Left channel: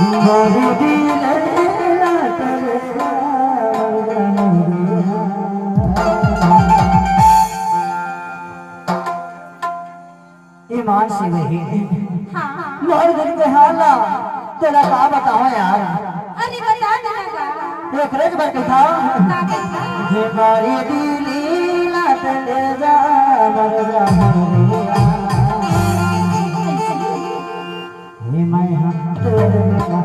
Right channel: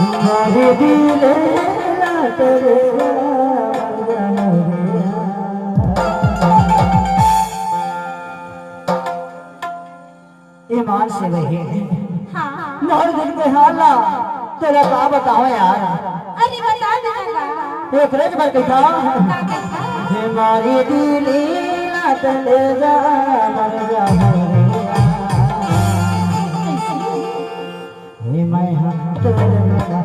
मारे दिले ना तेरे ईमान से वही मोर दिल के हाला तेरा का बताओ यार। अरे बता देना एक रेज पर कहता हे मारे दिले ना तेरे मैं तेरे बिना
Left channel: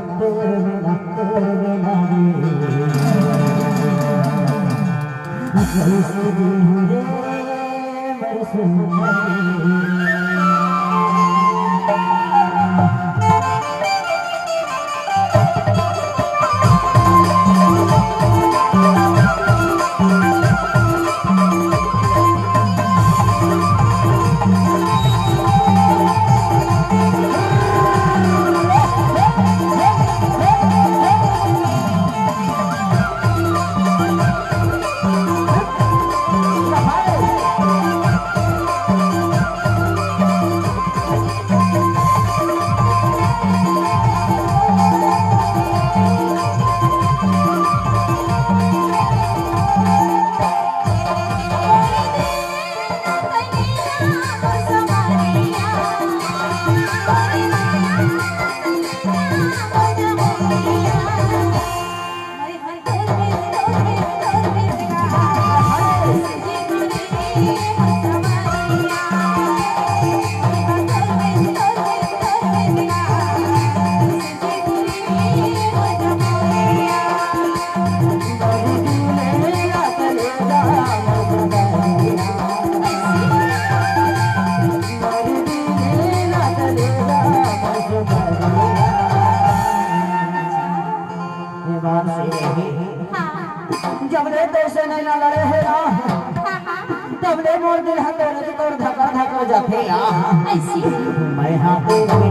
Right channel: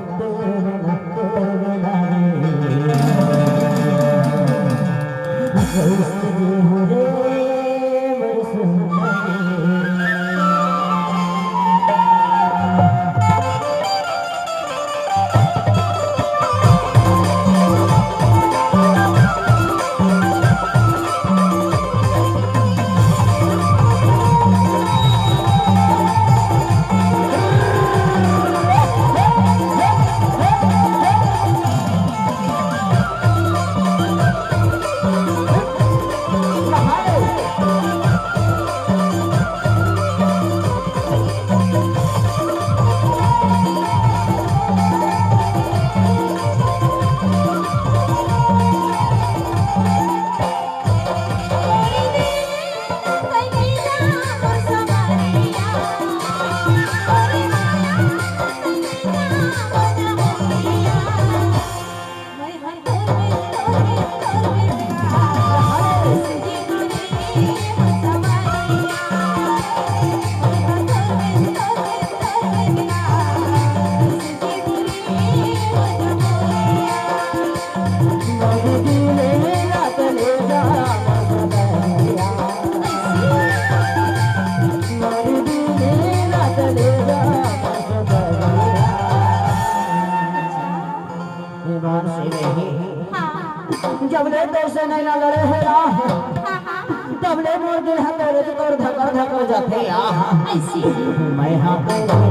जबले पैसे नहीं ना लड़े है तबले मोर दिल हथेरे से तोड़ धक्का धक्का जाते ऐसी मैं हाँ तेरे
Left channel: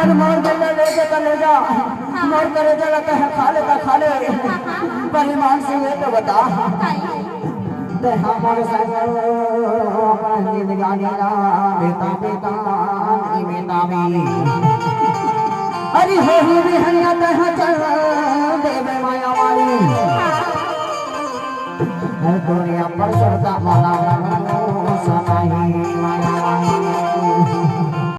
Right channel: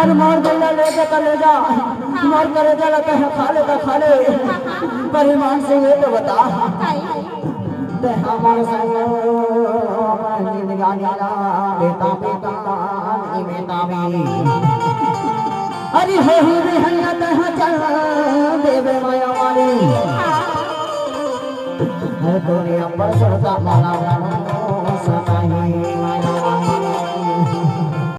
अरे मार गल्ला ले जा तो ले जा, मार करे जा लगता है खा ले पर ईमान से ये तो बता ते हमारे संग जिंदगानी ना बेटा में अरे हो ही हनिया तह चल देव माया वाली अरे दुनिया पर सबका माना